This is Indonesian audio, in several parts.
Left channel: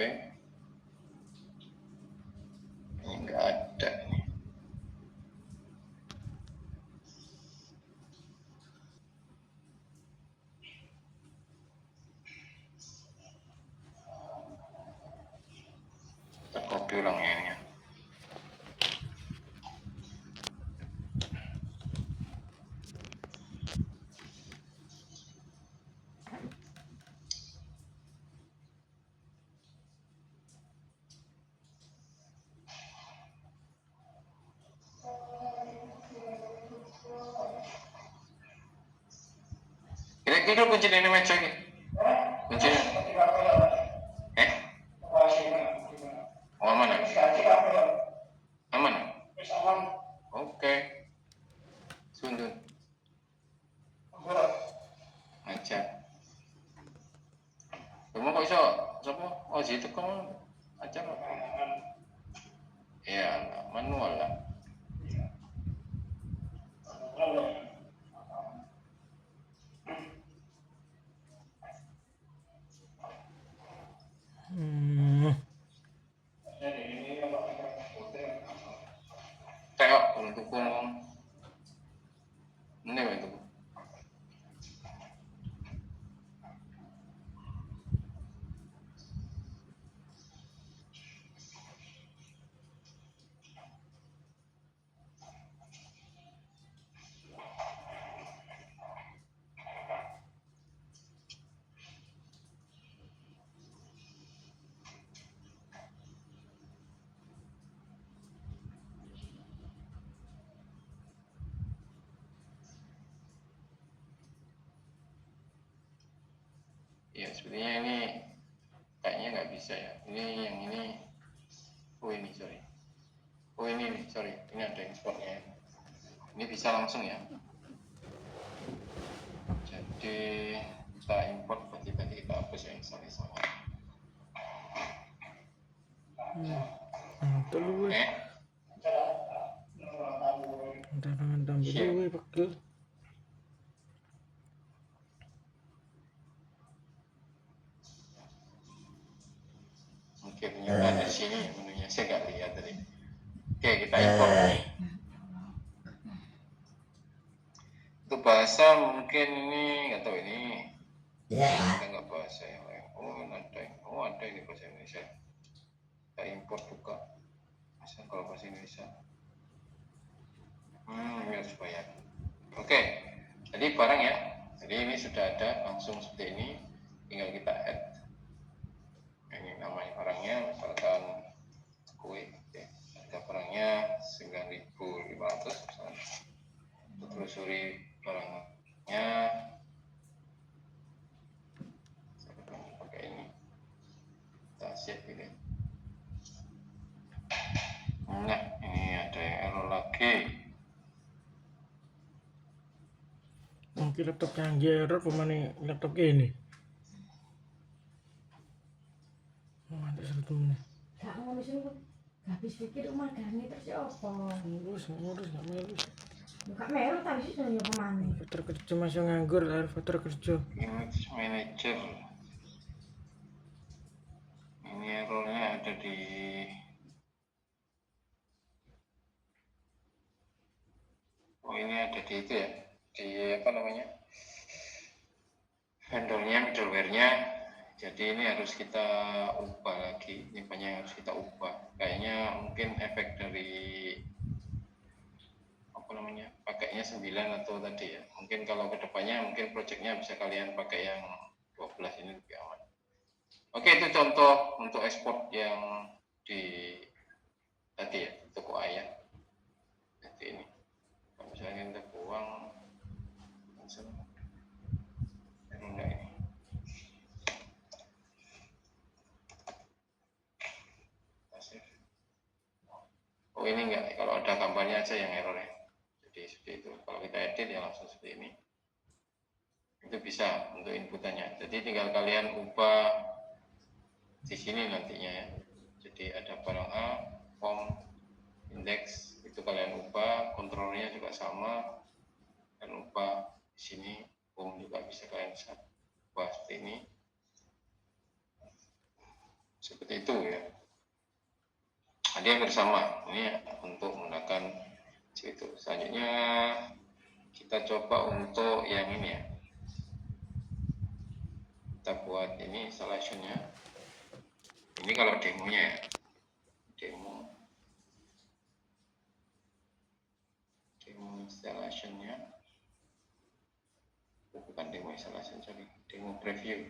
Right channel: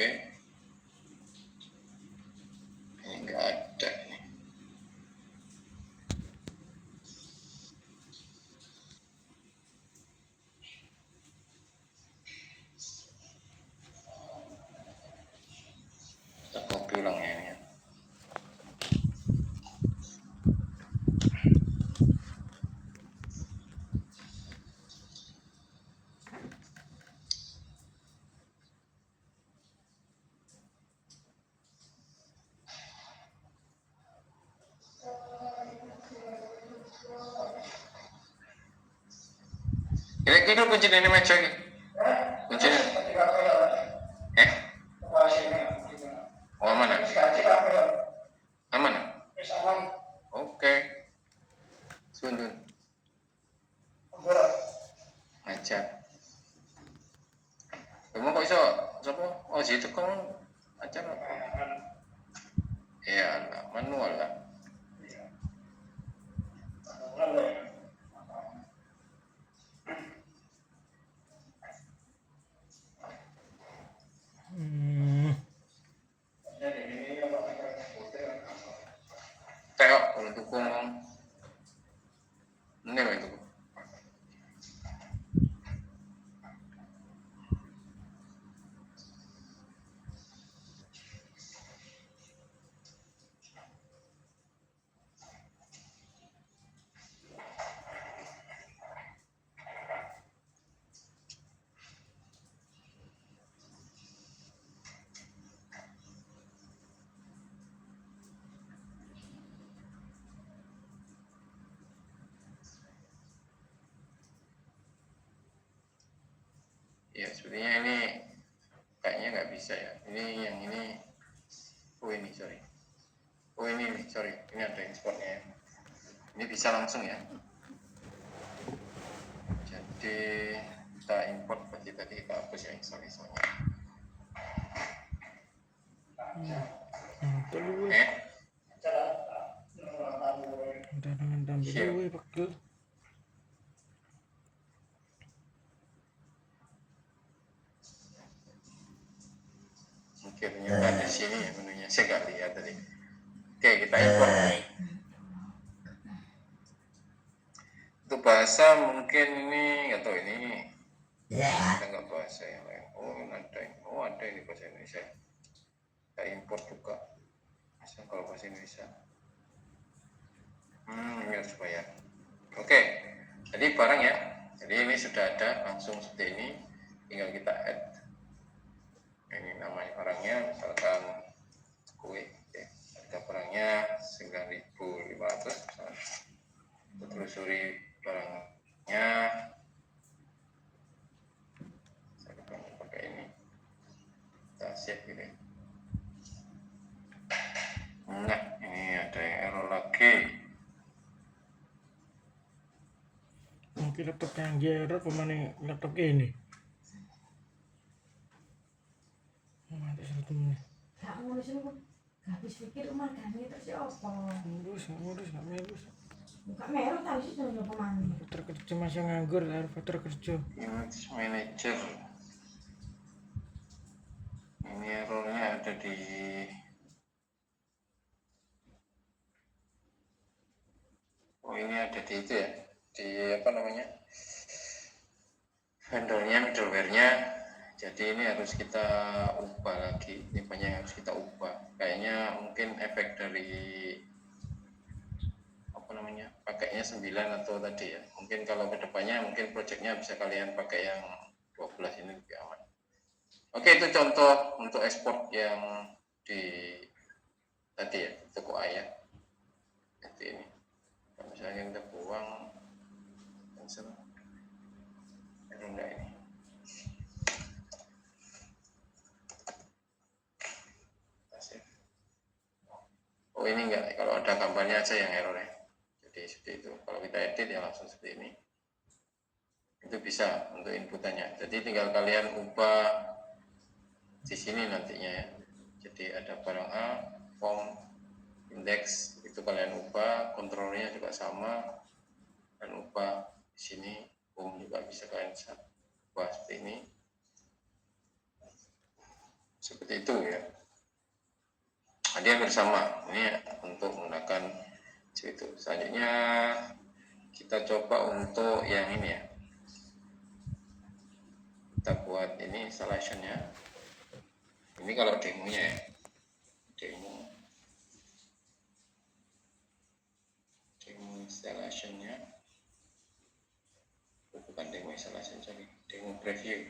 Ini nggak ada ini. Kita copy ulang ya ini. Kira-kira kunci ini meja ini. Kunci. Oh mana? Aman? Oke. Sundun. Aja. Kamu kok iso? Siapa? Oh situ kamu aja. Ya, manual lah. Tengok untuk ini itu. Ya sebenarnya ini kayaknya nggak bisa ya. Ini yang ini. Oh ini sorry. Oh ini sorry. Ini ada exportnya. Ini bisa langsung ya. Jadi kita import berarti tadi kita hapus yang installasinya. Oke, ternyata di sini ya menunya. Saya nggak lihat tadi. Oke, kita import. Untuk bahasa mungkin ini nggak tahu ini. Kita nggak bahasa yang lain. Oh ada ini bahasa Indonesia. Kita import juga. Bisa kalau bahasa Indonesia. Ini harus bayar. Oke, jadi barang ya. Jadi ini sudah ada langsung seperti ini. Tinggal kita add. Ini namanya barangnya misalkan kue. Oke. Harga barangnya 9.500 misalkan. Kita telusuri barangnya. Saya pakai ini. Kita save ini. Nah, ini ada yang error lagi. Mungkin laptop canggih error pemane laptop ini. Mantap satu menit. Gak ngono sih kok. Gak habis pikir umagane terus ya apa? Ngurus gak melu. Buka meru tapi sih yo kemana? Faktor kerja masih nganggur, harus faktor kerja. Image manager. Ini errornya ada di ini ada di itu ya, di apa namanya, vendornya, middleware-nya. Jadi ini harus kita ubah lagi, ini banyak yang harus kita ubah. Kayaknya mungkin efek dari apa namanya, pakainya 9 atau tadi ya. Mungkin kalau kedepannya mungkin projectnya bisa kalian pakai yang 12 ini lebih aman. Oke, itu contoh untuk ekspor yang di tadi ya, toko ayah. Seperti ini. Kalau misalnya kita buang, cancel. Enggak ini. Oh ini enggak, kalau ada gambarnya aja yang error ya. Jadi seperti itu. Kalau kita edit ya langsung seperti ini. Itu bisa untuk inputannya. Jadi tinggal kalian ubah di sini nantinya ya. Jadi ada barang A, form, index, itu kalian ubah, kontrolnya juga sama, dan ubah di sini, home juga bisa kalian ubah seperti ini. seperti itu ya. Ada yang bersama ini untuk menggunakan itu. Selanjutnya kita coba untuk yang ini ya, kita buat ini installationnya. Ini kalau demonya ya, demo installationnya, bukan demo installation, sorry, demo preview.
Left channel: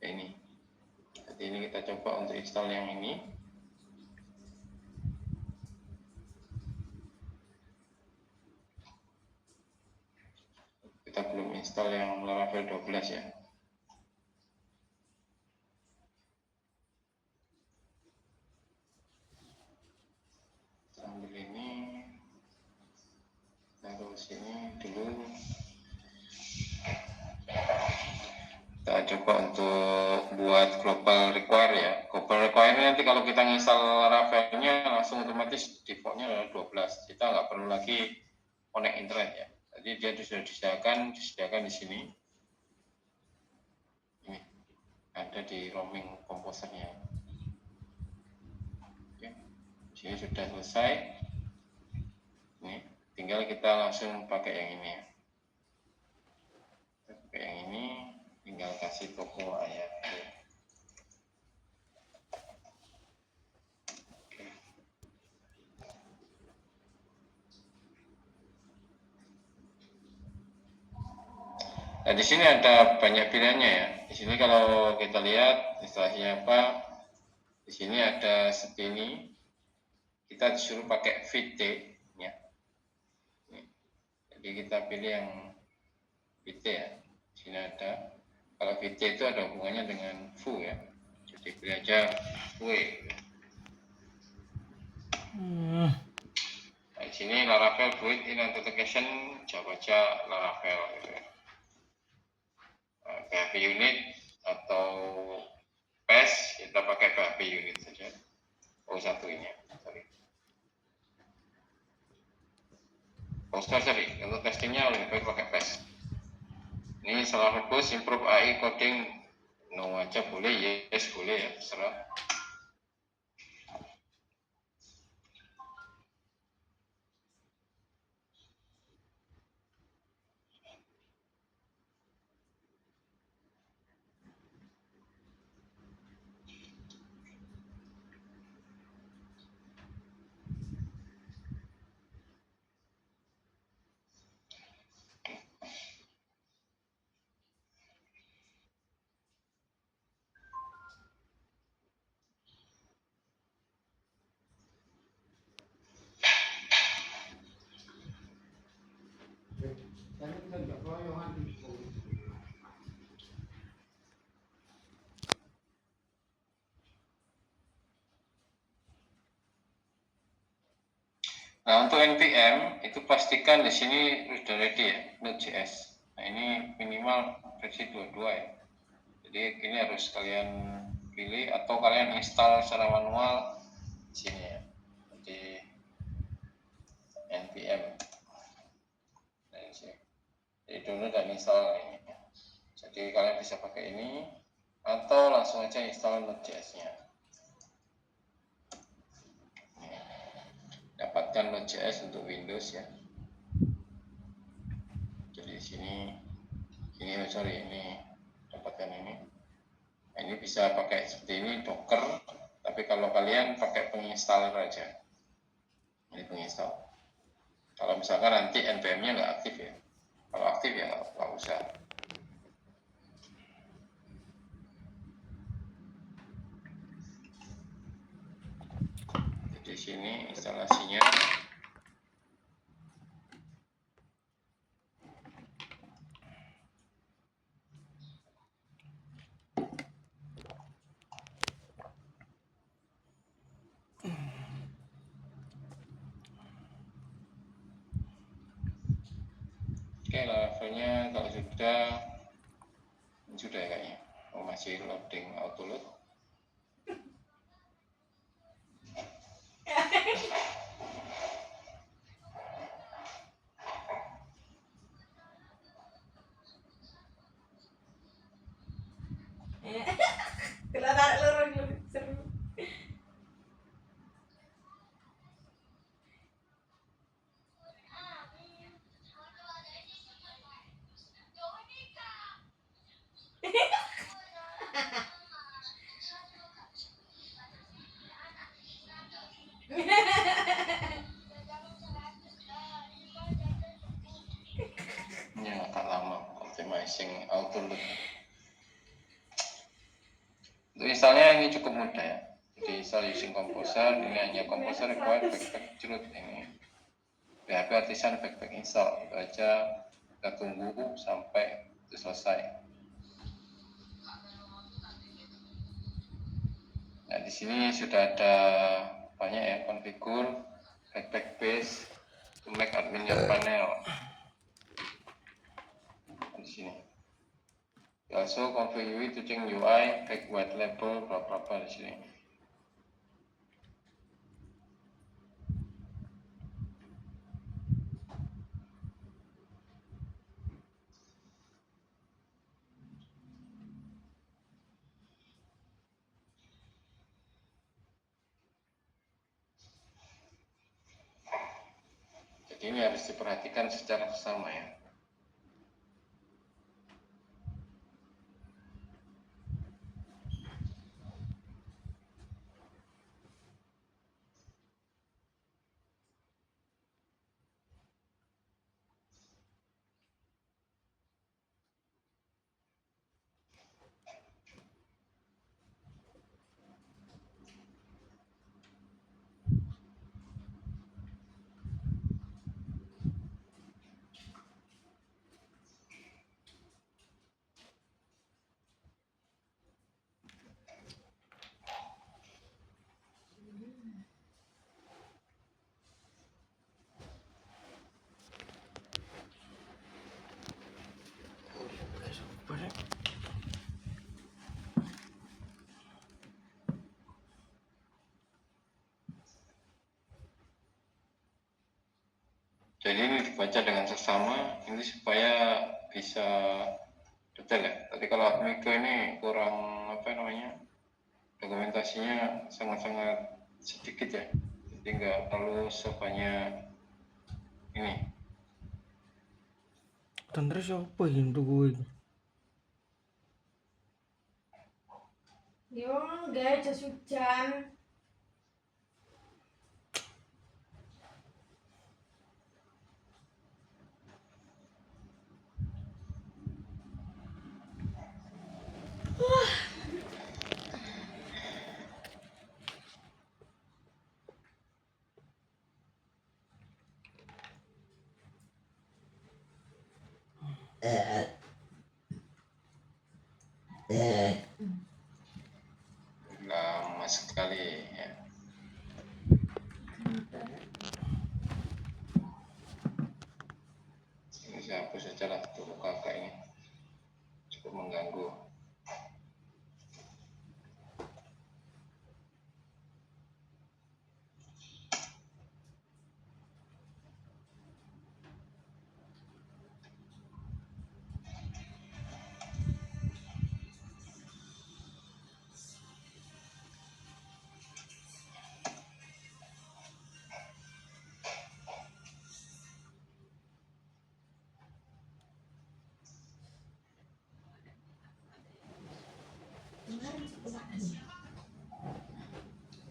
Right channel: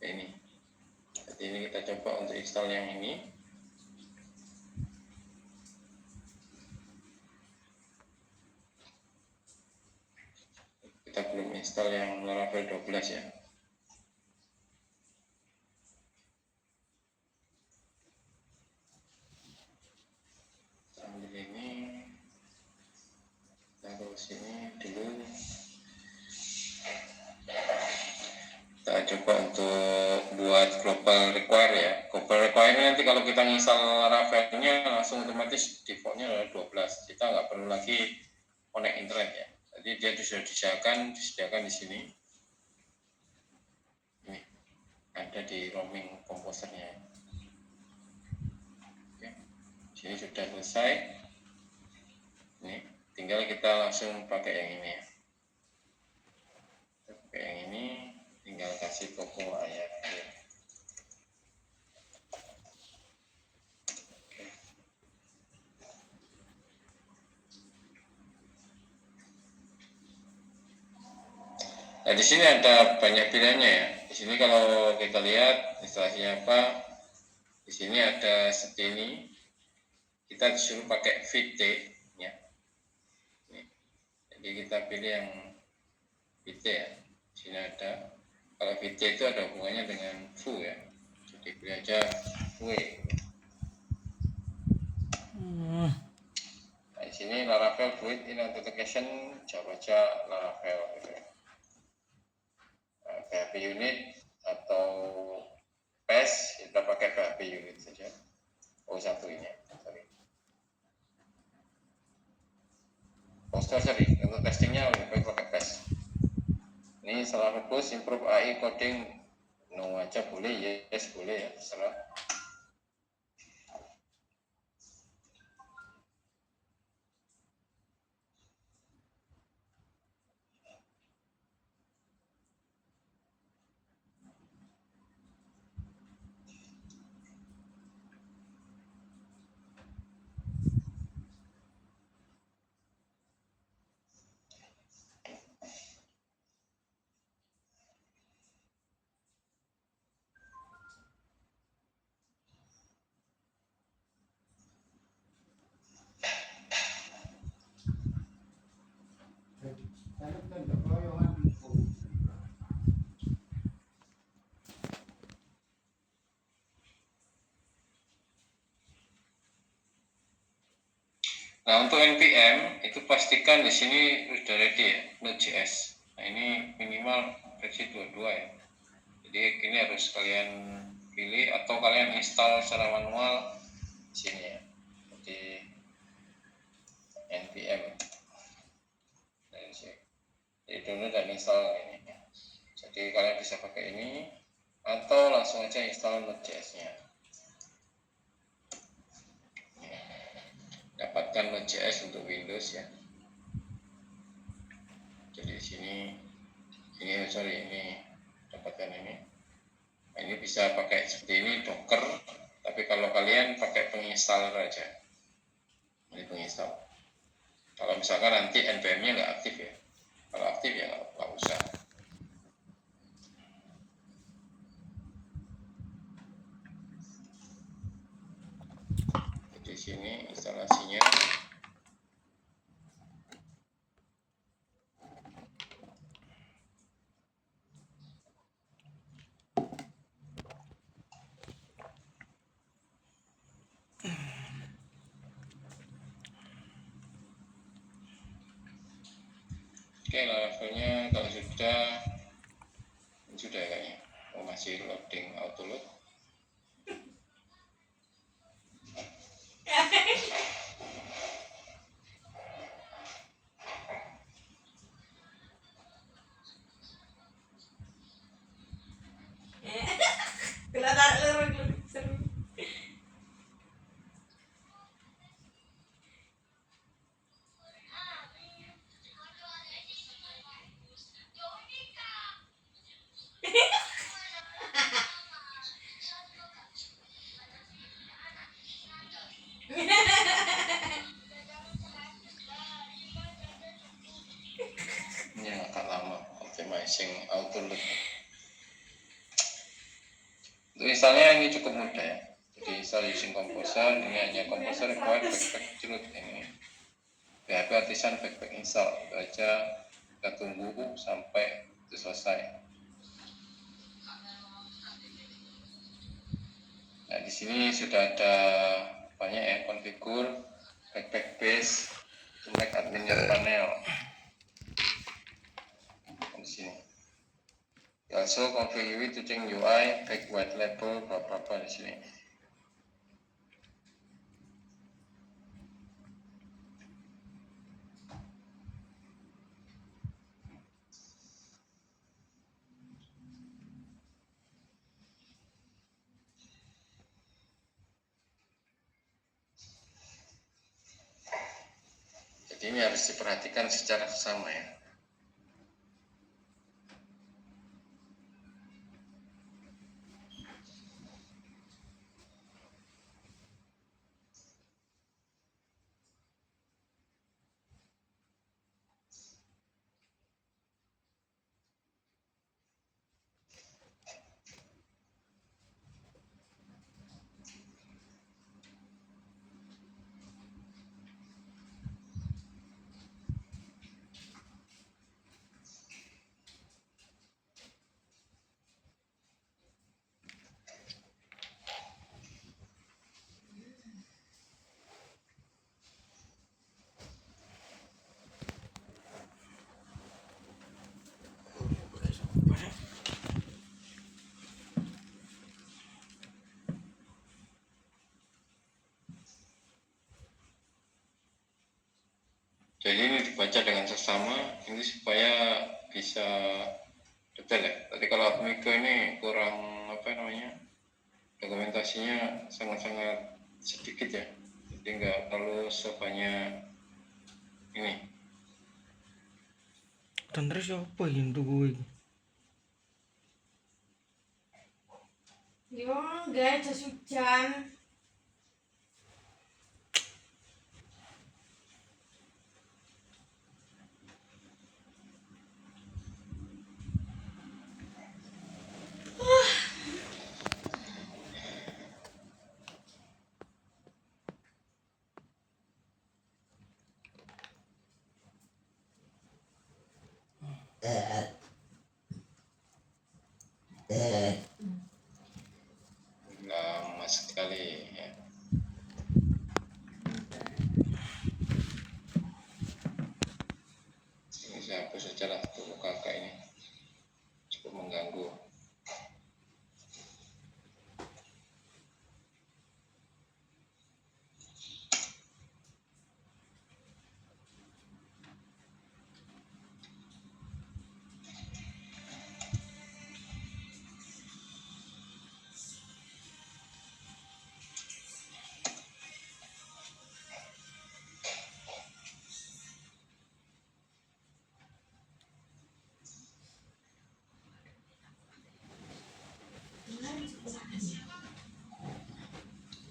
Nah, ini jadi ini kita coba untuk install yang ini. Kita belum install yang Laravel 12 ya. Ambil ini, taruh sini dulu. Kita coba untuk buat global require ya. Global require ini nanti kalau kita install Laravelnya langsung otomatis defaultnya adalah 12. Kita nggak perlu lagi connect internet ya. Jadi dia sudah disediakan di sini. Ini ada di roaming komposernya. Oke, sini sudah selesai. Ini tinggal kita langsung pakai yang ini ya. Kita pakai yang ini, tinggal kasih toko ayat. Nah, di sini ada banyak pilihannya ya. Di sini kalau kita lihat instalasinya apa, di sini ada seperti ini. Kita disuruh pakai VT ya. Jadi kita pilih yang VT ya. Di sini ada. Kalau VT itu ada hubungannya dengan foo ya. Jadi pilih aja foo. Nah, di sini Laravel Fluid in Authentication, coba baca Laravel gitu ya. PHP unit atau PES, kita pakai PHP unit saja. Oh, ini, sorry. Sorry, untuk testingnya lebih baik pakai PES. Ini salah fokus, improve AI coding, no aja boleh, yes boleh ya, terserah. Nah, untuk NPM itu pastikan di sini sudah ready ya, Node.js. Nah, ini minimal versi 22 ya. Jadi ini harus kalian pilih atau kalian install secara manual di sini ya. Jadi NPM. Jadi download dan install ini. Jadi kalian bisa pakai ini atau langsung aja install Node.js-nya. Dapatkan Node.js untuk Windows ya. Jadi ini dapatkan ini. Nah, ini bisa pakai seperti ini Docker, tapi kalau kalian pakai penginstal aja. Ini penginstal. Kalau misalkan nanti npm-nya nggak aktif ya. Kalau aktif ya nggak usah. Jadi sini instalasinya. Oke, levelnya kalau sudah ya kayaknya. Oh, masih loading auto load. Kalau tarik lurus Ini yang agak lama, optimizing auto load. Untuk installnya ini cukup mudah ya. Jadi install using composer, ini hanya composer required backpack root ini. PHP Artisan backpack install, itu aja. Kita tunggu sampai itu selesai. Nah, di sini sudah ada banyak ya, configure, backpack base, to make admin your panel. Di sini. Also configure to change UI, back white label, berapa di sini. Jadi ini harus diperhatikan secara bersama ya. Jadi ini dibaca dengan seksama ini supaya bisa detail ya. Tadi kalau Admiko ini kurang apa namanya, dokumentasinya sangat-sangat sedikit ya. Jadi nggak terlalu sebanyak ini. Dan terus apa yang tuh gue? Yo, enggak jas hujan. Lama sekali ya. Ini saya hapus saja lah tuh kakak ini, cukup mengganggu.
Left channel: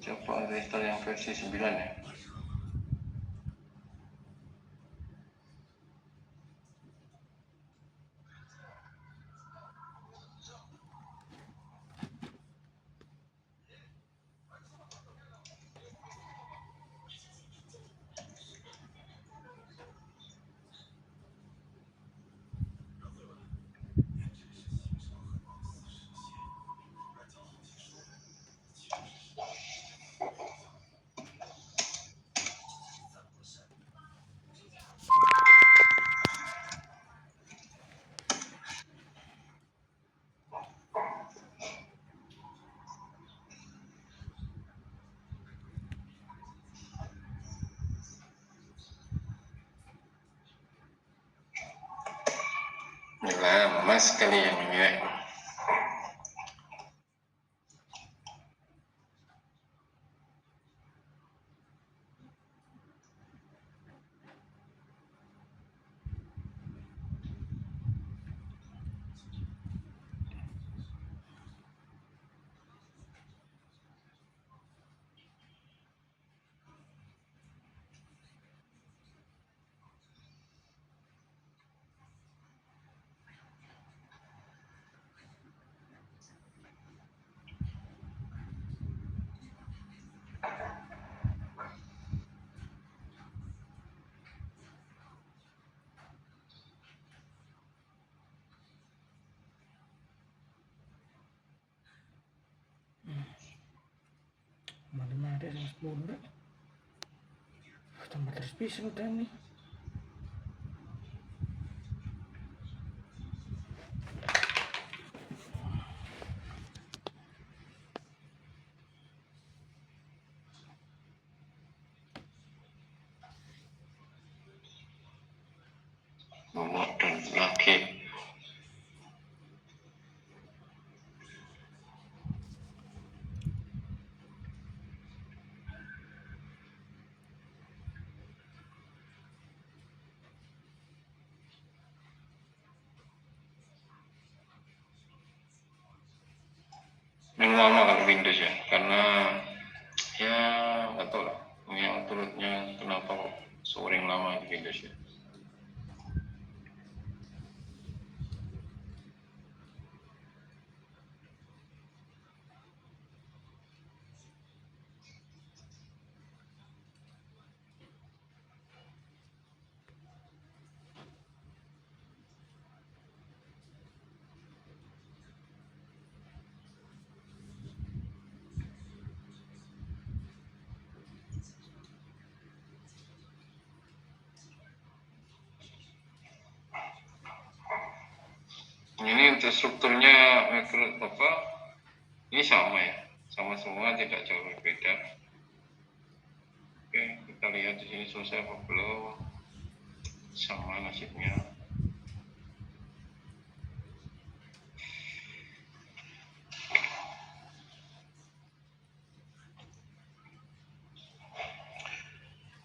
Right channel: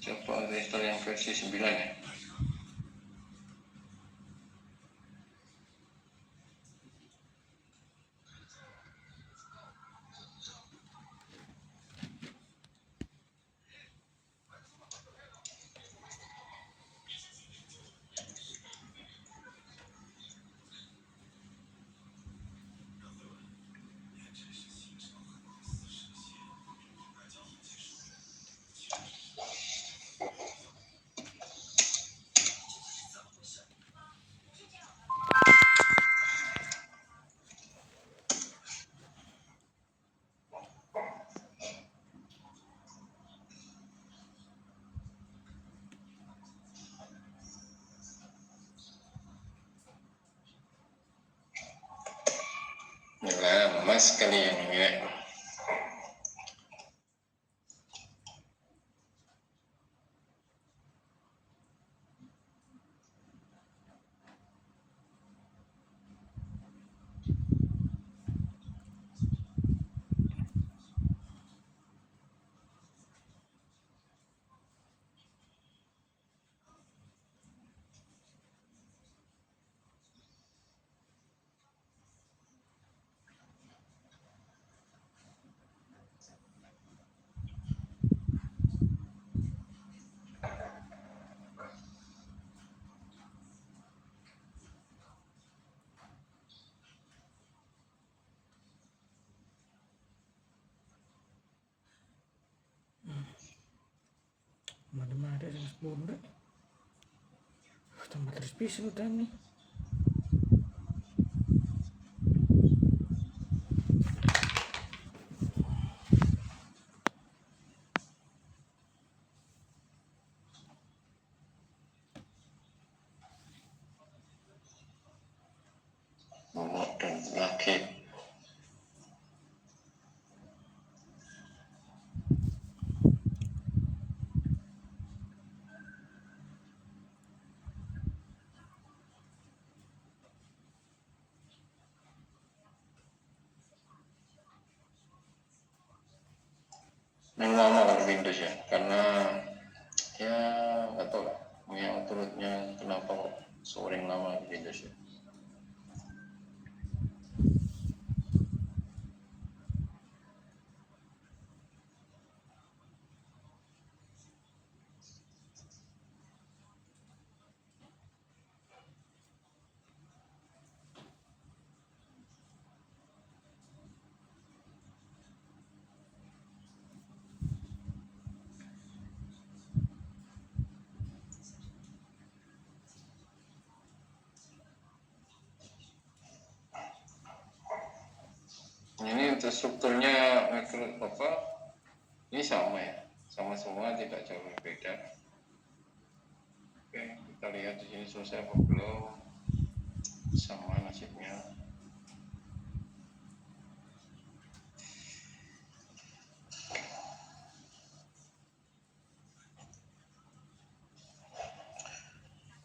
Coba install yang versi 9 ya. Lama sekali yang ini ya. Mari-mari yang 10 rek. Tambah terus bisa udah nih. Nomor dan lagi. Yang lama kalau Windows ya, karena ya nggak tahu lah yang turutnya kenapa kok sering lama di Windows ya. Ini untuk strukturnya apa? Ini sama ya, sama semua, tidak jauh berbeda. Oke, kita lihat di sini selesai apa belum? Sama nasibnya.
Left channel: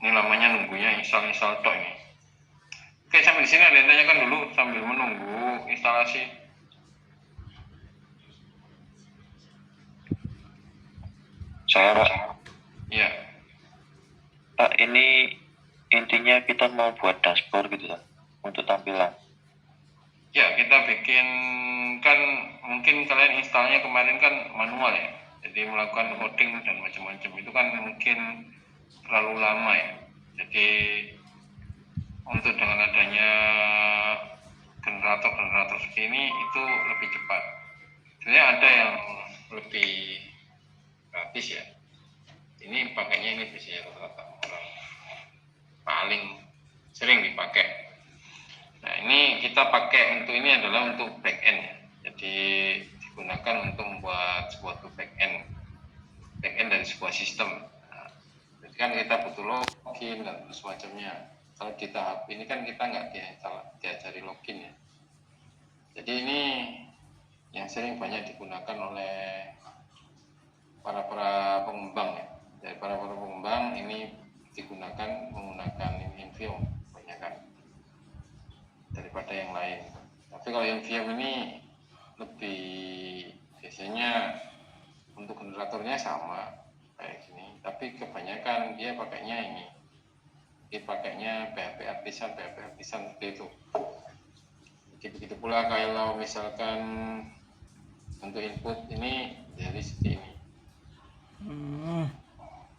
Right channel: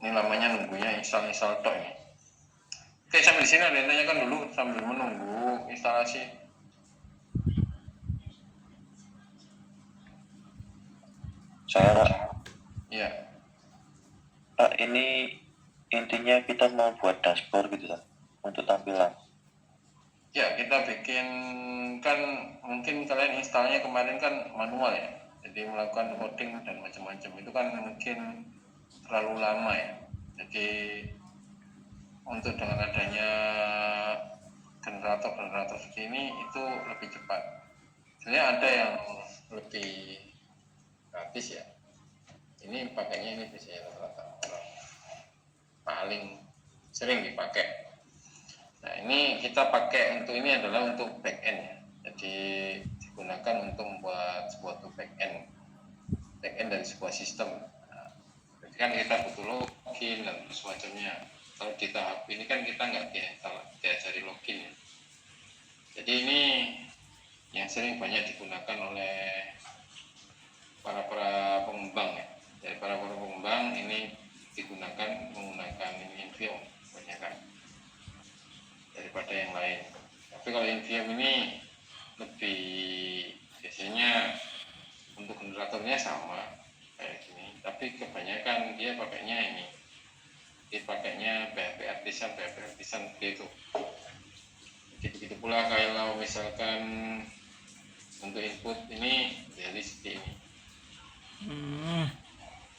Ini namanya nunggunya install tok ini. Oke, sambil sini ada yang tanyakan dulu sambil menunggu instalasi. Saya Pak. Iya. Pak, ini intinya kita mau buat dashboard gitu kan, untuk tampilan. Ya, kita bikin, kan mungkin kalian installnya kemarin kan manual ya. Jadi melakukan coding dan macam-macam itu kan mungkin terlalu lama ya. Jadi untuk dengan adanya generator segini itu lebih cepat. Sebenarnya ada yang lebih gratis ya. Ini pakainya ini biasanya rata-rata orang paling sering dipakai. Nah, ini kita pakai untuk ini adalah untuk backend ya. Jadi digunakan untuk membuat sebuah backend dari sebuah sistem. Nah, jadi kan kita butuh login dan semacamnya. Kalau di tahap ini kan kita nggak diajari login ya. Jadi ini yang sering banyak digunakan oleh para pengembang ya. Dari para pengembang ini menggunakan ini Invium banyak kan daripada yang lain. Tapi kalau Invium ini lebih biasanya untuk generatornya sama kayak gini, tapi kebanyakan dia pakainya ini. Dia pakainya PHP artisan seperti itu. Jadi begitu pula kalau misalkan untuk input ini jadi seperti ini.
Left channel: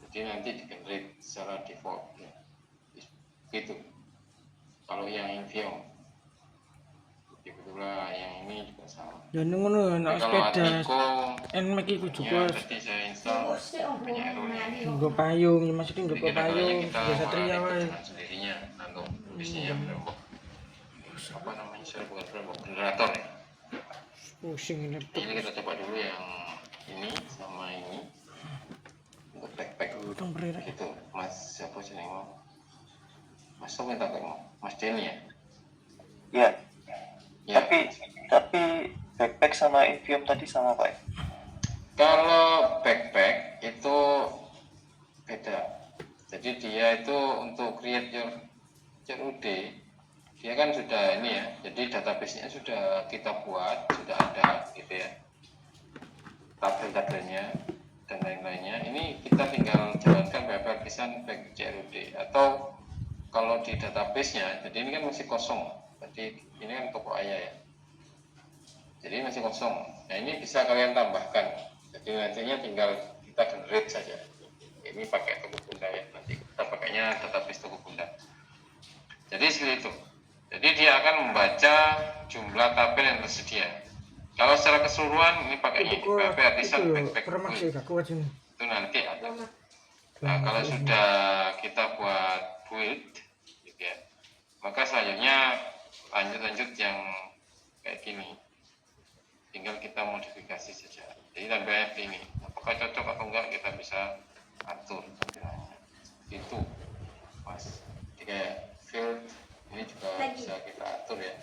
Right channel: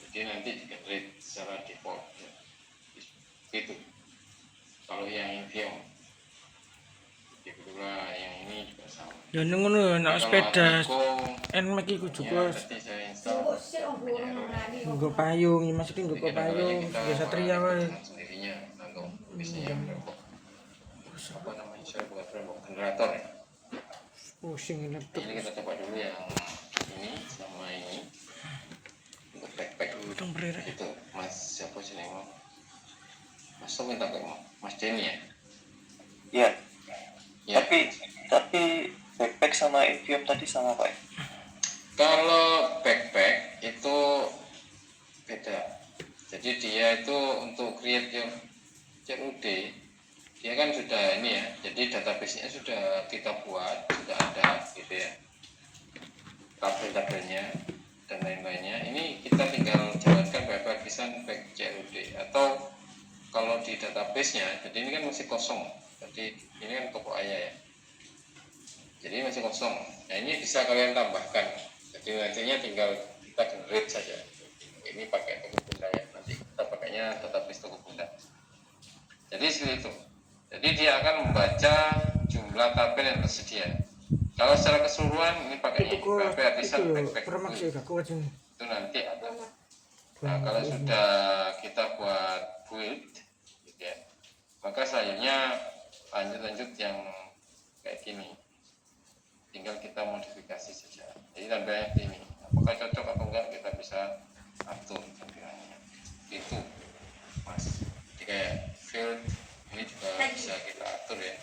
Jadi nanti di-generate secara default ya. Gitu. Kalau yang Invium. Jadi pula yang ini juga sama. Ya ngono nek sepeda Nmax iku Ya, juga tadi saya install banyak error. nggo payung, ya maksudnya nggo Jadi payung, kita ya Satria wae. dengan sendirinya atau bisnisnya framework apa namanya, saya bukan framework, generator ya. Pusing ini laptop. Ini kita coba dulu yang ini sama ini untuk backpack Utang berirek. itu. Mas siapa sih nih mau? Mas Tom minta ke mau Mas Denny ya. Iya. Ya. Tapi backpack sama Invium tadi sama Pak ya? Kalau backpack itu beda. Jadi dia itu untuk create your CRUD, dia kan sudah ini ya. Jadi database-nya sudah kita buat, sudah ada gitu ya. Tabel-tabelnya dan lain-lainnya. Ini kita tinggal jalankan backpack CRUD, atau kalau di database-nya, jadi ini kan masih kosong. Jadi ini kan toko ayah ya. Jadi masih kosong. Nah, ini bisa kalian tambahkan. Jadi nantinya tinggal kita generate saja. Ini pakai toko bunda ya. Nanti kita pakainya database toko bunda. Jadi seperti itu. Jadi dia akan membaca jumlah tabel yang tersedia. Kalau secara keseluruhan ini pakainya PHP artisan backpack Permax ya gak kuat ini. itu nanti ada sama Nah, kalau sudah kita buat build, gitu ya, maka selanjutnya lanjut yang kayak gini. Tinggal kita modifikasi saja. Jadi tampilannya ini, apakah cocok atau enggak kita bisa atur tampilannya. Itu, mas. Jadi kayak field ini juga bisa kita atur ya.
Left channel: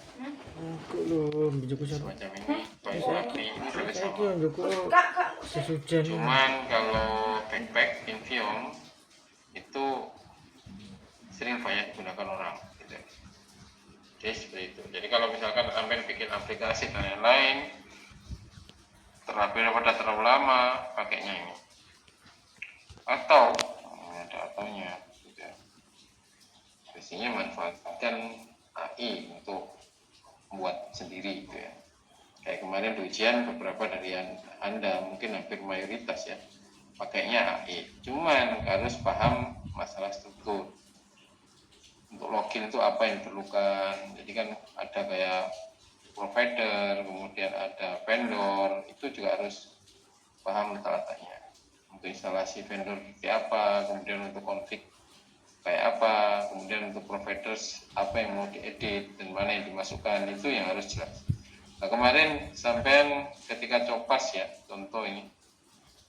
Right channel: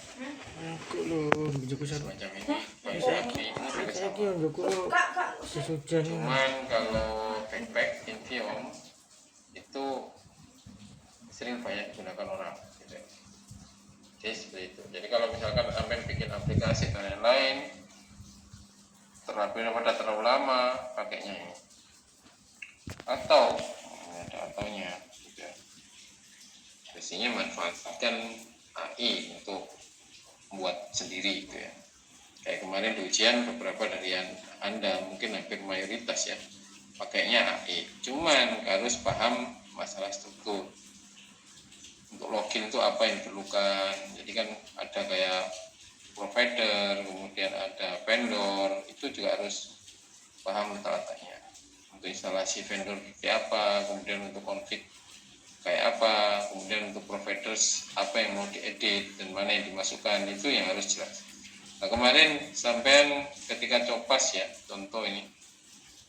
Aku lho, njogo satu. Semacam ini, bagi ini juga Saya sama. njogo kak sesujan. Cuman kalau backpack Invium itu sering banyak digunakan orang gitu. Jadi seperti itu. Jadi kalau misalkan sampai bikin aplikasi dan lain-lain terlalu lama pakainya ini, atau ini ada ataunya gitu. Biasanya manfaatkan AI untuk membuat sendiri gitu ya. Kayak kemarin di ujian beberapa dari Anda mungkin hampir mayoritas ya pakainya AI, cuman harus paham masalah struktur. Untuk login itu apa yang diperlukan, jadi kan ada kayak provider, kemudian ada vendor, itu juga harus paham letak-letaknya. Untuk instalasi vendor kayak apa, kemudian untuk config kayak apa, kemudian untuk providers apa yang mau diedit dan mana yang dimasukkan, itu yang harus jelas. Nah kemarin sampai ketika copas ya, contoh ini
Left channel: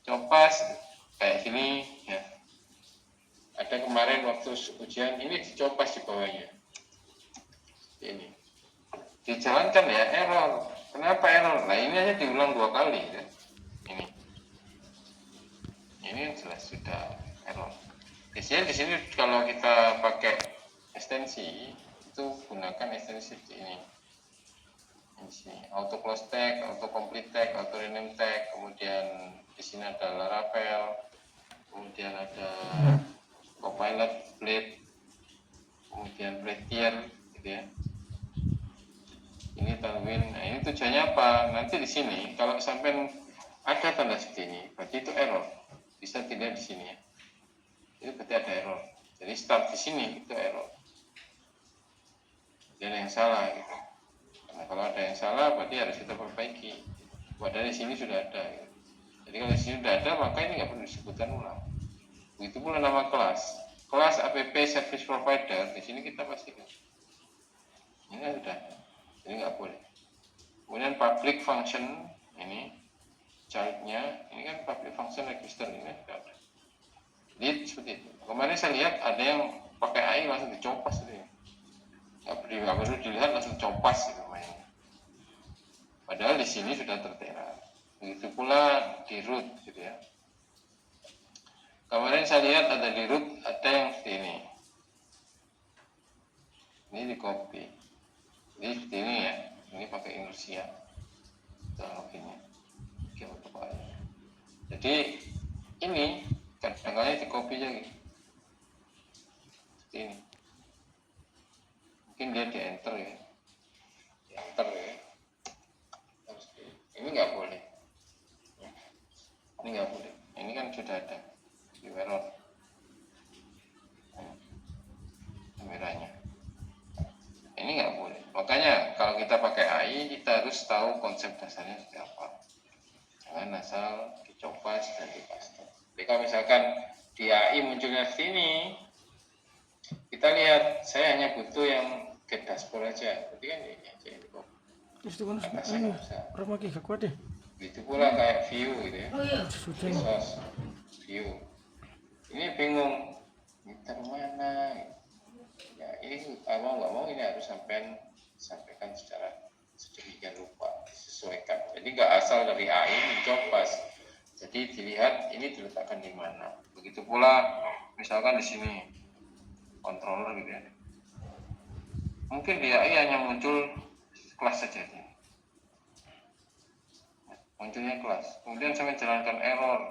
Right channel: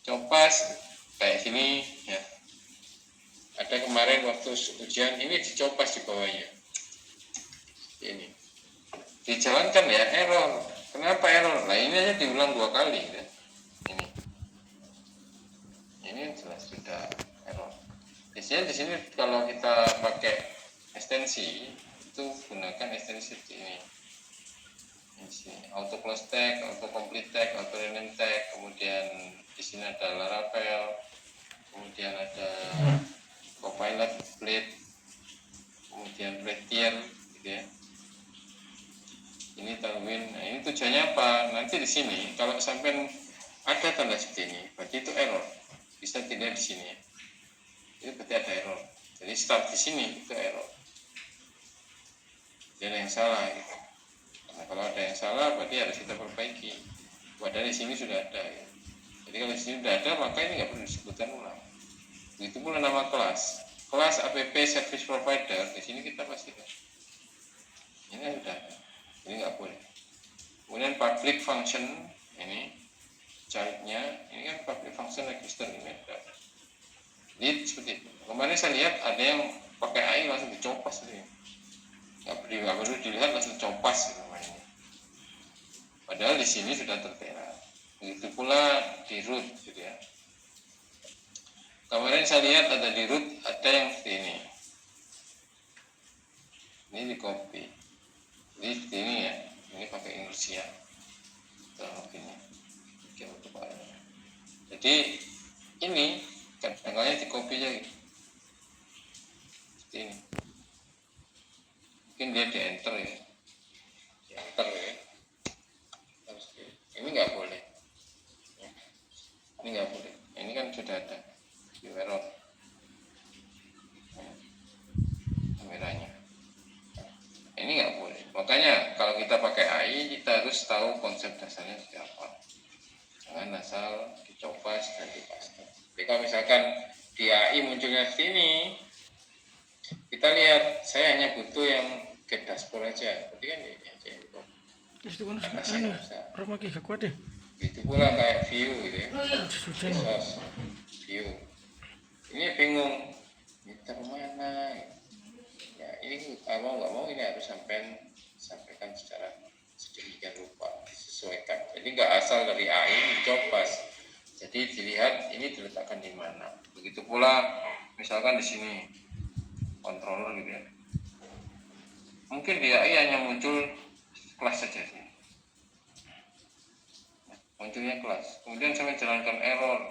copas kayak gini ya, ada kemarin waktu ujian ini dicopas di bawahnya ini dijalankan ya, error. Kenapa error? Nah ini aja diulang 2 kali ya. Ini jelas sudah error. Biasanya di sini kalau kita pakai ekstensi itu gunakan ekstensi ini auto close tag, auto complete tag, auto rename tag, kemudian di sini ada Laravel, kemudian ada Copilot, Blade, kemudian Prettier, gitu ya. Ini Tailwind. Nah, ini tujuannya apa? Nanti di sini kalau sampai ada tanda seperti ini, berarti itu error. Bisa tidak di sini. Itu berarti ada error. Jadi start di sini itu error. Jadi ada yang salah gitu. Karena kalau ada yang salah berarti harus kita perbaiki. Padahal di sini sudah ada. Ya. Jadi kalau di sini sudah ada maka ini nggak perlu disebutkan ulang. Begitu pula nama kelas. Kelas app service provider di sini kita pastikan. Ini sudah. Ini nggak boleh. Kemudian public function ini childnya ini kan public function register ini ada. Jadi seperti itu. Kemarin saya lihat ada yang pakai AI langsung dicopas gitu ya. Nggak perlu dilihat langsung copas gitu mainnya. Padahal di sini sudah tertera. Begitu pula di root gitu ya. Kemarin saya lihat ada di root ada yang seperti ini. Ini di copy. Jadi seperti ini ya. Ini pakai inersia. Loginnya. Oke untuk AI. Jadi ini kadang-kadang di copy aja gitu. Seperti ini. Mungkin dia di enter ya. Di enter ya. Ini nggak boleh. Ini nggak boleh. Ini kan sudah ada di error. Kameranya. Ini nggak boleh. Makanya kalau kita pakai AI kita harus tahu konsep dasarnya seperti apa. Jangan asal dicoba dan dipaste. Tapi kalau misalkan di AI munculnya sini, kita lihat saya hanya butuh yang get dashboard aja. Berarti kan ini aja yang dibuka. Terus itu kan anu, Roma ki gak kuat deh. Itu pula kayak view gitu ya. Sesujan. Resource, view. Ini bingung. Ini mana? Ya ini mau nggak mau ini harus sampaikan secara sedemikian rupa disesuaikan. Jadi nggak asal dari AI dicoba. Jadi dilihat ini diletakkan di mana. Begitu pula misalkan di sini controller gitu ya. Mungkin di AI hanya muncul kelas saja sih. Munculnya kelas. Kemudian saya menjalankan error.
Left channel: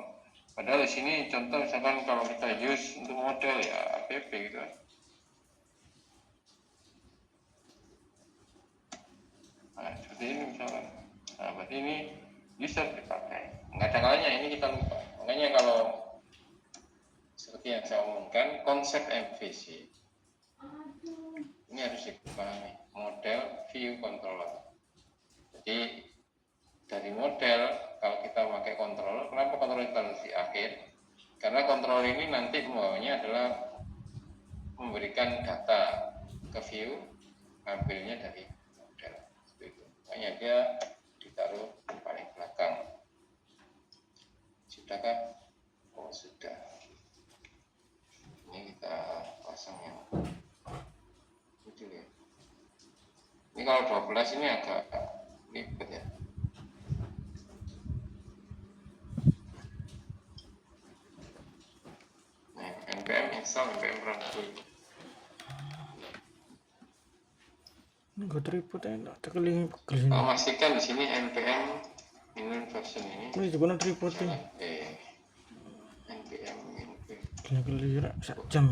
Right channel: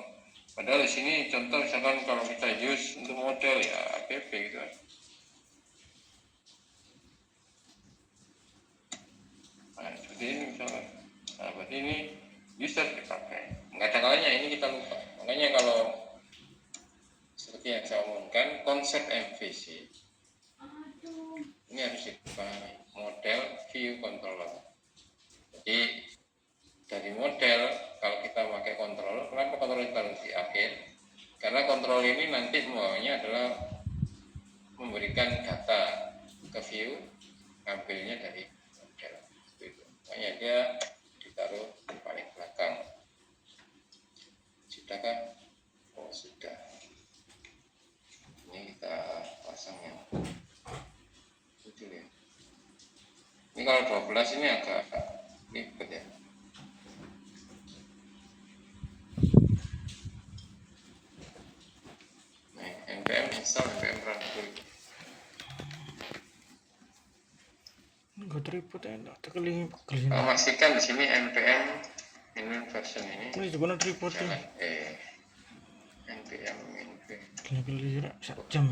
Padahal di sini contoh misalkan kalau kita use untuk model ya app gitu kan. Nah, seperti ini misalkan. Nah, berarti ini user dipakai. Nggak ada kalanya ini kita lupa. Makanya kalau seperti yang saya omongkan, konsep MVC ini harus dipahami. Model, view, controller. Jadi dari model, kalau kita pakai controller, kenapa controller taruh di akhir? Karena kontrol ini nanti maunya adalah memberikan data ke view, ngambilnya dari model. Itu. Makanya dia ditaruh di paling belakang. Sudahkah? Oh sudah. Ini kita pasang yang kecil ya. Ini kalau 12 ini agak ribet ya. Nah, npm install npm run dulu. Enggak tripod enak, tekeling pegel. Pastikan di sini npm ini version ini Ini juga tripod ya. jangan npm inv. Gila sak jam.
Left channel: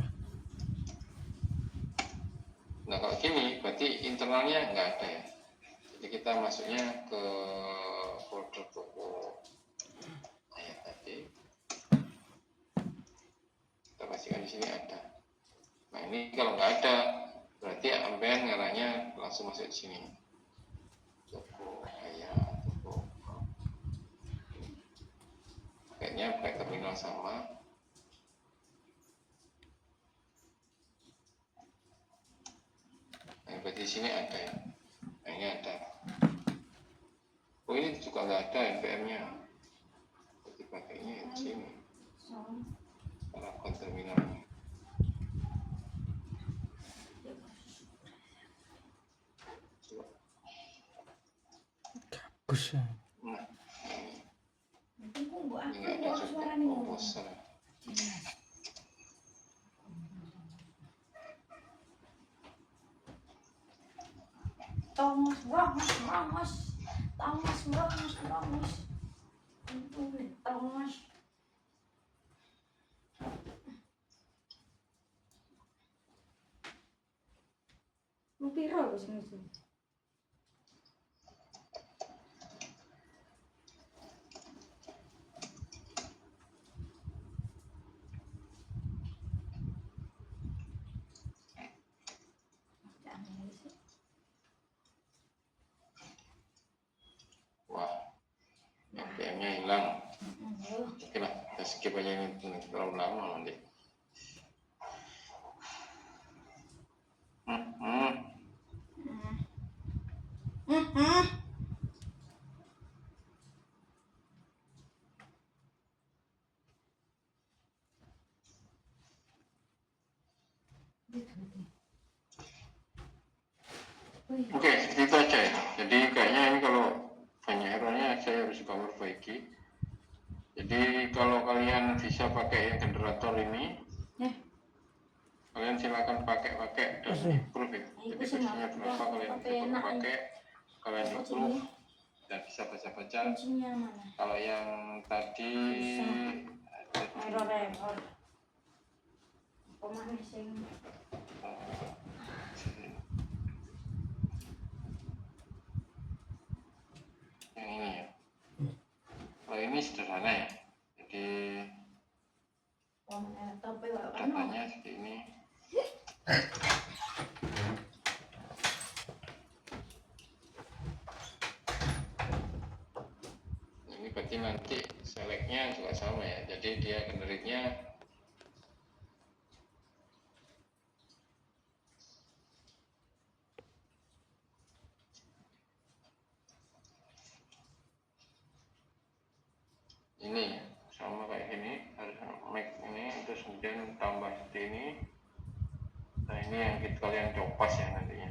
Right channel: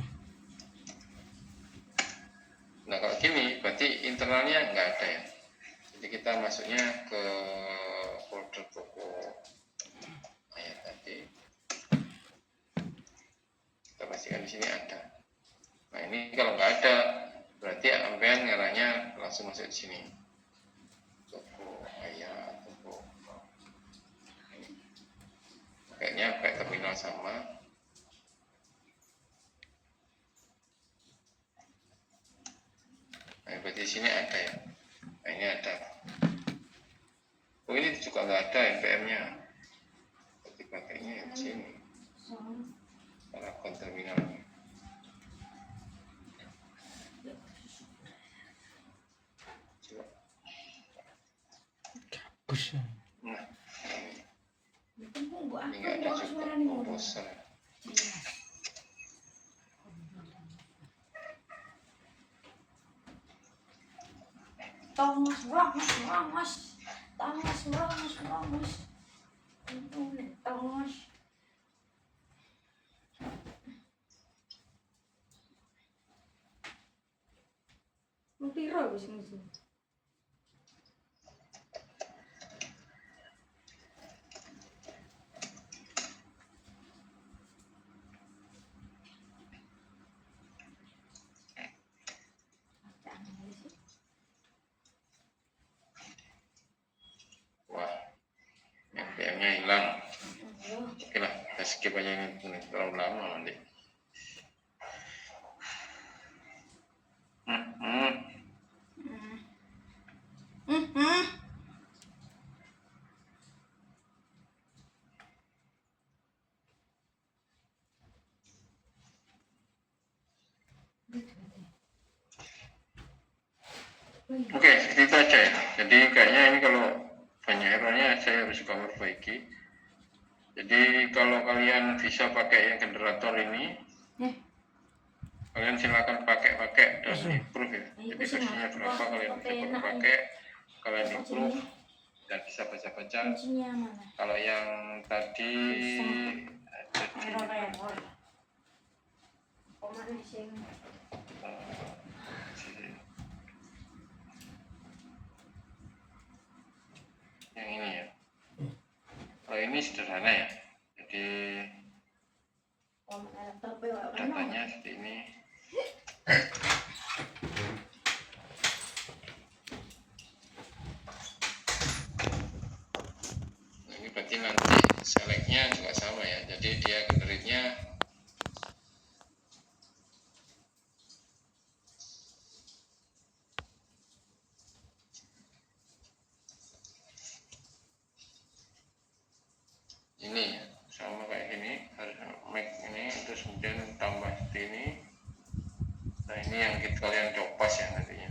Nah kalau gini berarti internalnya nggak ada ya. Jadi kita masuknya ke folder toko ayat tadi. Kita pastikan di sini ada. Nah ini kalau nggak ada berarti sampean ngarahnya langsung masuk di sini. Toko ayat, toko ini. Kayaknya pakai terminal sama. Nah, berarti di sini ada ya. Nah, ini ada. Oh, ini juga nggak ada npm-nya. Berarti pakainya di sini. Para terminalnya. Coba. Bagus ya. Nah, Tunggu ini nggak ada juga komposer. Tongos, brongos, brongos. Tongos, brongos, brongos. Tongos. Lu piro wis ngisi? Wah, npm-nya hilang. Oke lah, kita skip aja ini terlalu lama nanti. Oke, seperti itu aja ya. Jadi kayaknya ini kalau banyak errornya saya harus coba perbaiki. Jadi kalau kalian bisa pakai yang generator ini, kalian silakan pakai dan improve ya. Jadi versinya berapa kalian coba pakai, kalian improve dan bisa baca-baca. Kalau yang tadi ada di yang ini ya. Kalau ini sederhana ya. Jadi datanya seperti ini. Nah, ini berarti nanti selectnya juga sama ya. Jadi dia generate-nya ini ya, sama kayak gini, harus make ini terus kemudian tambah seperti ini. Nah ini yang kalian copas ya nantinya.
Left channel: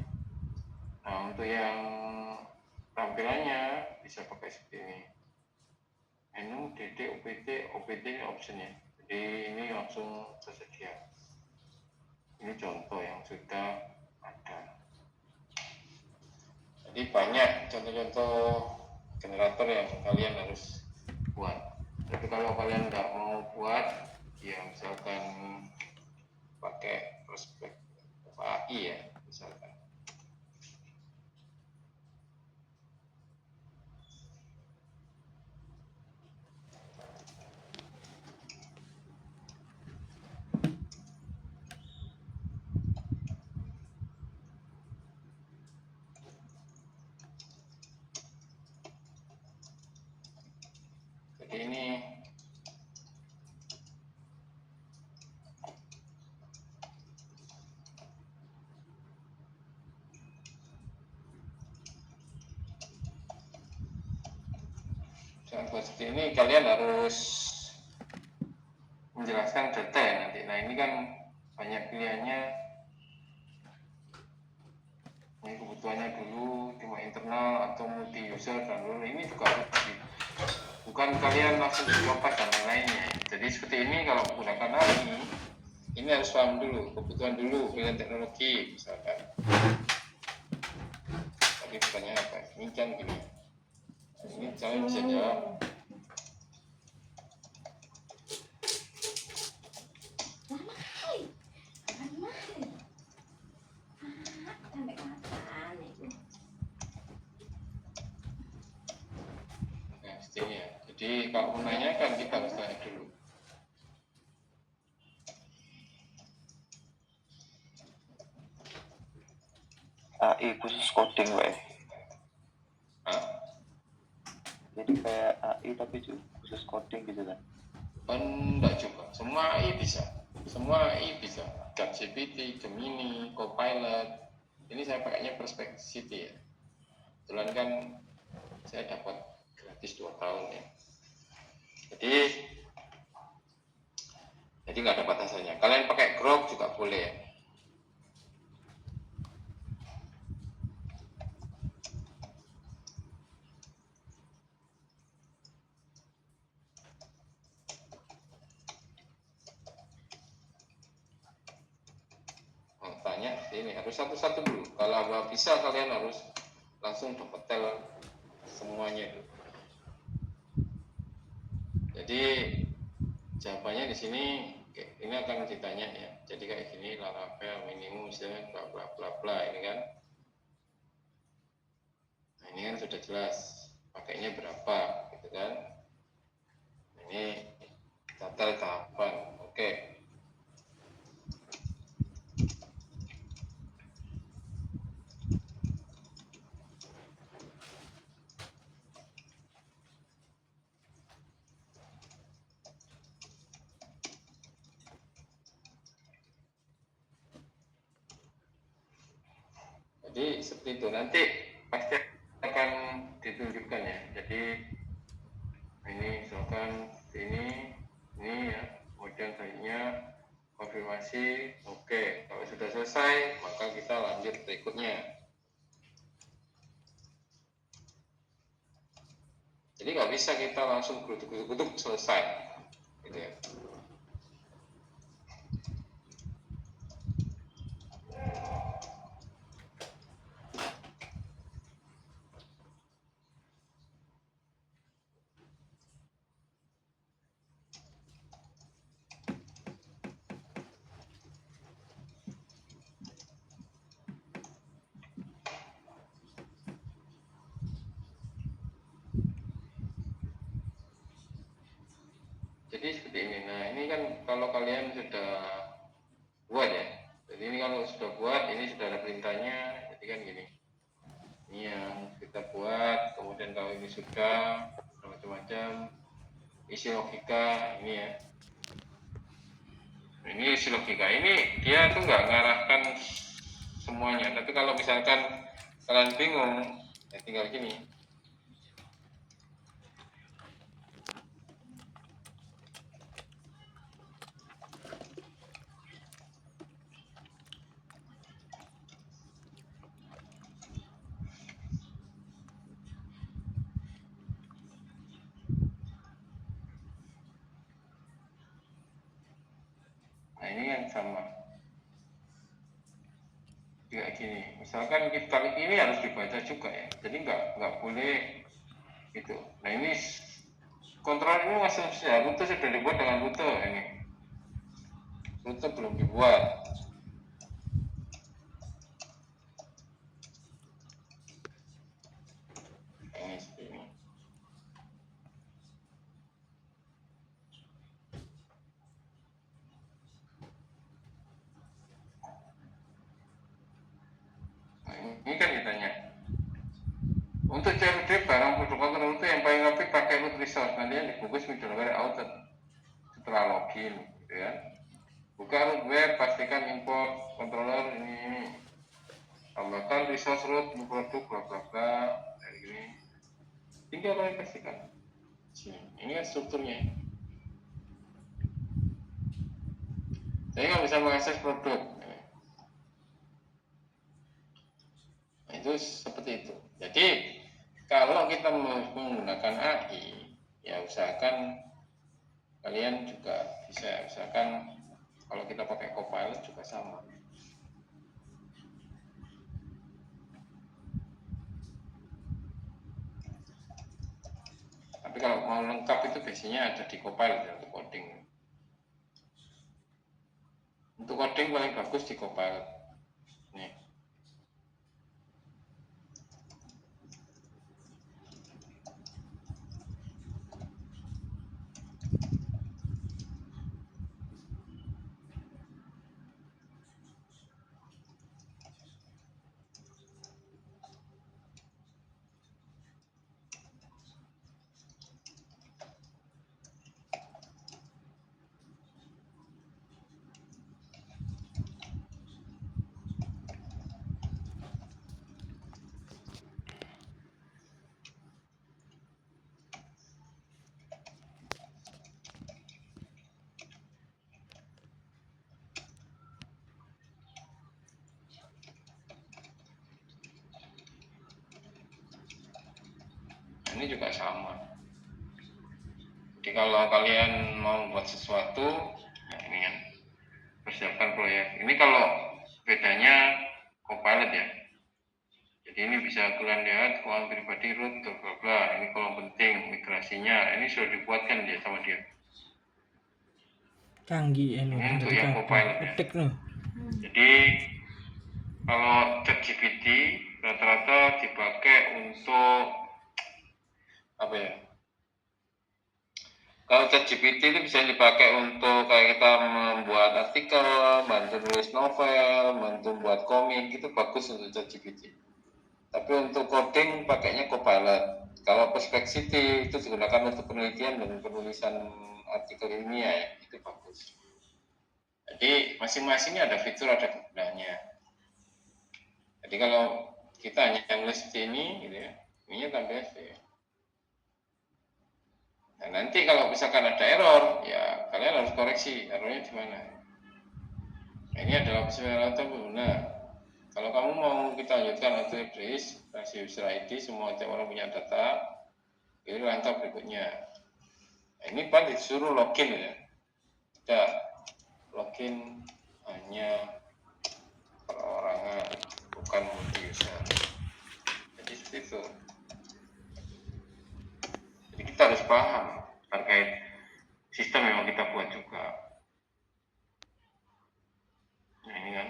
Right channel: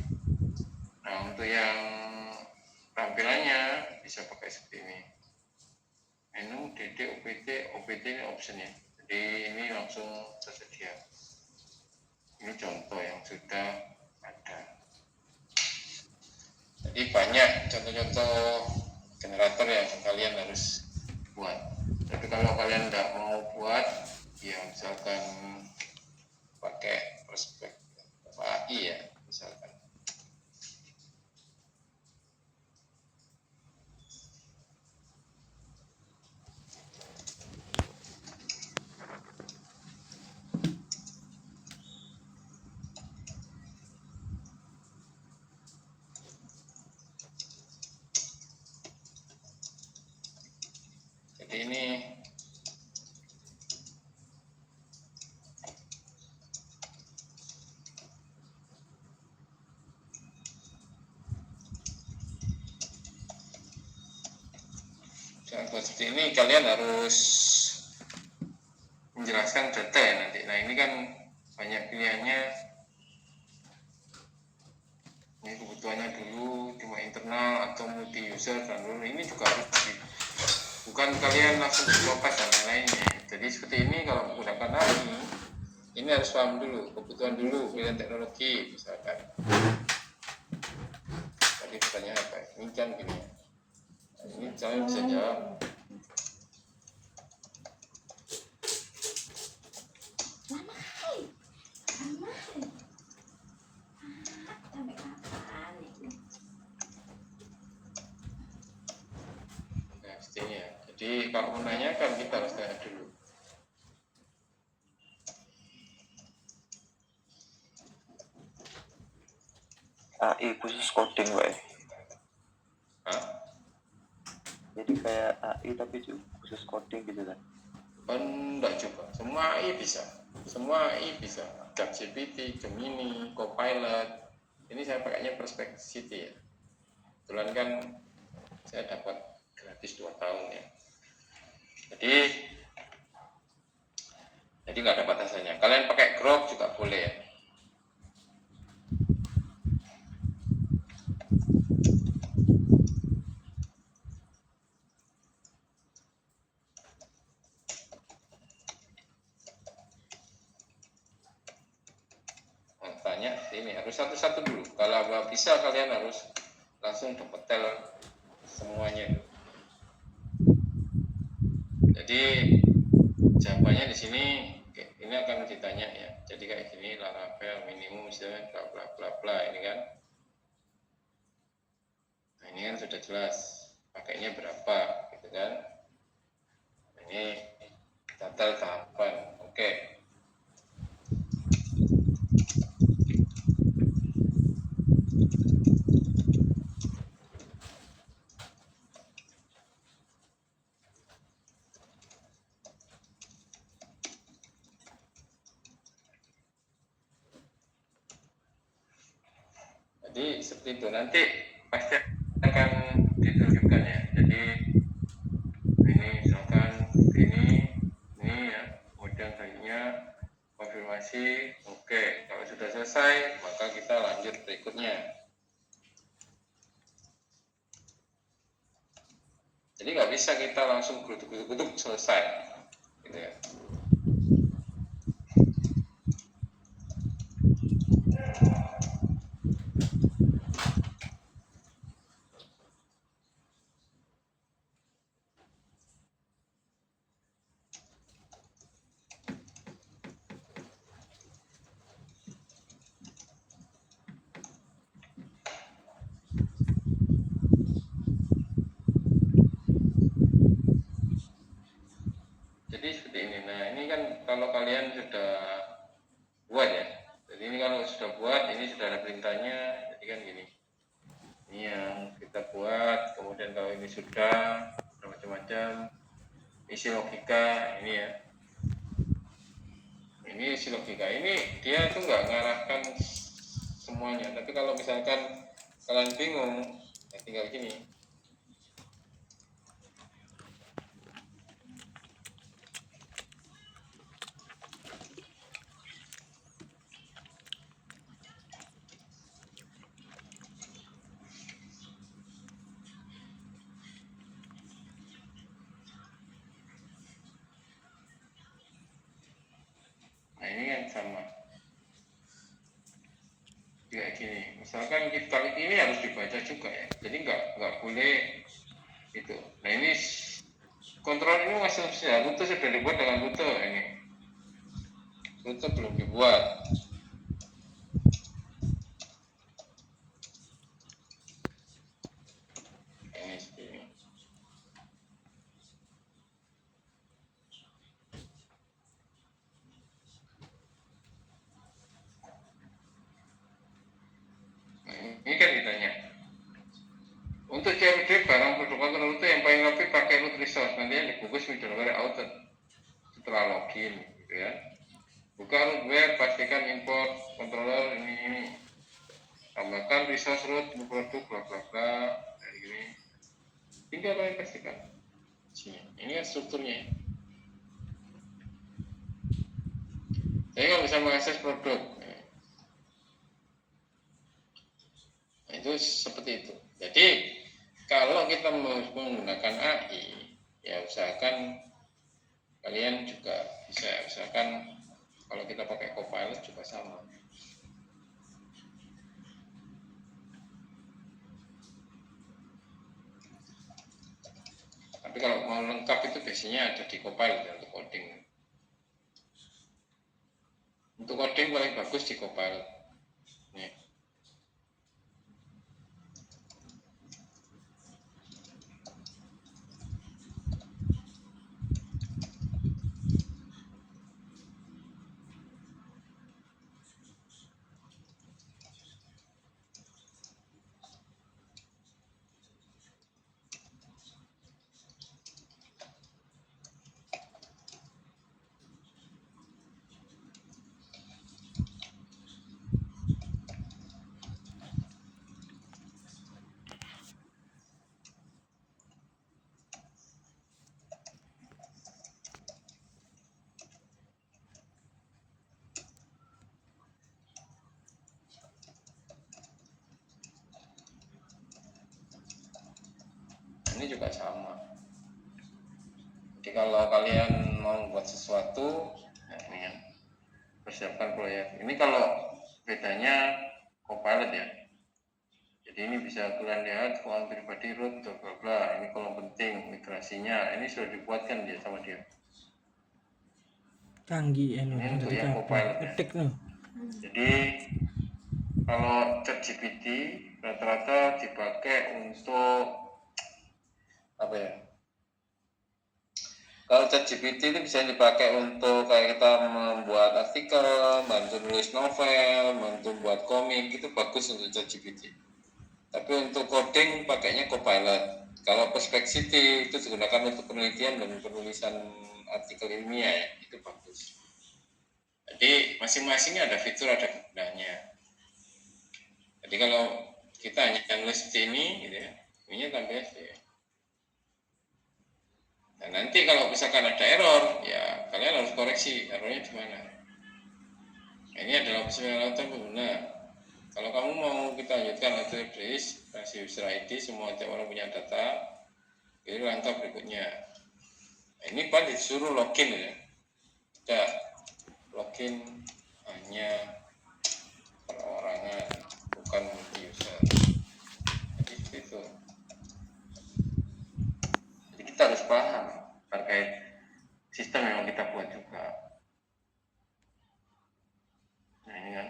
Nah untuk yang tampilannya bisa pakai seperti ini. Menu DD OPT ini option ya. Jadi ini langsung tersedia. Ini contoh yang sudah ada. Jadi banyak contoh-contoh generator yang kalian harus buat. Tapi kalau kalian tidak mau buat, ya misalkan pakai prospek AI ya misalkan. Jadi ini Misalkan buat seperti ini kalian harus menjelaskan data ya nanti. Nah ini kan banyak pilihannya. Ini kebutuhannya dulu cuma internal atau multi user dan dulu ini juga harus bukan kalian langsung lepas dan lain-lainnya. Jadi seperti ini kalau menggunakan AI ini harus paham dulu kebutuhan dulu pilihan teknologi misalkan. Tadi pertanyaan apa? Ini kan gini. Nah, ini kalian bisa jawab. Lama kali. Lama kali. Sampai kapan itu? Nah, seperti ini ya. Jadi kalau menanyakan kita harus tanya dulu. AI khusus coding wae. Hah? Jadi kayak AI tapi khusus coding gitu kan. Enggak juga. Semua AI bisa. Semua AI bisa. ChatGPT, Gemini, Copilot. Ini saya pakainya Perplexity ya. Kebetulan kan saya dapat gratis 2 tahun ya. Jadi nggak ada batasannya. Kalian pakai Grok juga boleh ya. Nah, tanya ini harus satu-satu dulu. Kalau nggak bisa kalian harus langsung detail semuanya. Jadi jawabannya di sini ini akan ditanya ya. Jadi kayak gini Laravel minimum misalnya bla bla bla bla ini kan. Nah, ini kan sudah jelas pakainya berapa gitu kan. Nah, ini total tahapan. Oke. Jadi seperti itu nanti pasti akan ditunjukkan ya. Jadi ini misalkan ini ya, kemudian selanjutnya konfirmasi. Oke, kalau sudah selesai maka kita lanjut berikutnya. Jadi nggak bisa kita langsung gutuk selesai, gitu ya. Jadi seperti ini. Nah ini kan kalau kalian sudah buat ya. Jadi ini kalau sudah buat, ini sudah ada perintahnya. Jadi kan gini. Ini yang kita buat. Kemudian kalau ini sudah macam-macam isi logika ini ya. Ini isi logika ini dia tuh nggak ngarahkan semuanya. Tapi kalau misalkan kalian bingung, ya tinggal gini. Nah ini kan sama kayak gini. Misalkan kali ini harus dibaca juga ya. Jadi nggak boleh itu. Nah ini kontrol ini masih rute sudah dibuat dengan rute ini. Rute belum dibuat. Ini seperti ini. Nah, ini kan ditanya. Untuk CRD barang produk rute yang paling rapi pakai root resource. Nanti yang dibungkus middleware outer setelah login, gitu ya. Buka root web, pastikan import controller ini. Tambahkan resource root produk bla bla bla. Kayak gini. Ini apa yang pastikan? Ini kan strukturnya. Jadi kalau bisa mengakses produk, nah, itu seperti itu. Jadi kalau kita menggunakan AI, ya usahakan kalian juga bisa, usahakan kalau kita pakai Copilot juga sama. Tapi kalau mau lengkap itu biasanya ada di Copilot ya, untuk coding. Untuk coding paling bagus di Copilot. Nih. Ini juga sama. Jadi kalau kalian mau buat sesuatu, nah ini kan persiapkan proyek. Ini kalau bedanya Copilot ya. Jadi ini bisa kalian lihat kolom pribadi root, bla bla bla. Ini kolom penting, migrasinya. Ini sudah dibuatkan dia sama dia. Canggih Ini untuk yang Copilot ya. Etik nih. Jadi kalau ChatGPT rata-rata dipakai untuk apa ya? Kalau ChatGPT itu bisa dipakai untuk kayak kita membuat artikel, bantu nulis novel, bantu buat komik, itu bagus untuk ChatGPT. Tapi untuk coding pakainya Copilot. Kalau Perplexity itu digunakan untuk penelitian dan penulisan artikel ilmiah ya, itu bagus. Jadi masing-masing ada fitur, ada kegunaannya. Jadi kalau kita hanya nulis seperti ini, gitu ya, ini tambah ya. Nah, nanti kalau misalkan ada error, ya kalian harus koreksi errornya di mana. Nah, ini adalah persyaratan pengguna. Kalau kamu mau kita lanjutkan auto replace, kasih user ID, semua tiap orang punya data, ini rantau berikutnya. Nah, ini kan disuruh login ya. Tidak login hanya perorangan, bukan multi user. Jadi seperti itu. Jadi kita harus paham terkait sistem yang mau kita buat juga. Nah ini kan.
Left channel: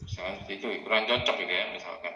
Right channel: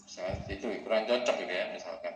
Misalkan seperti itu kurang cocok gitu ya misalkan.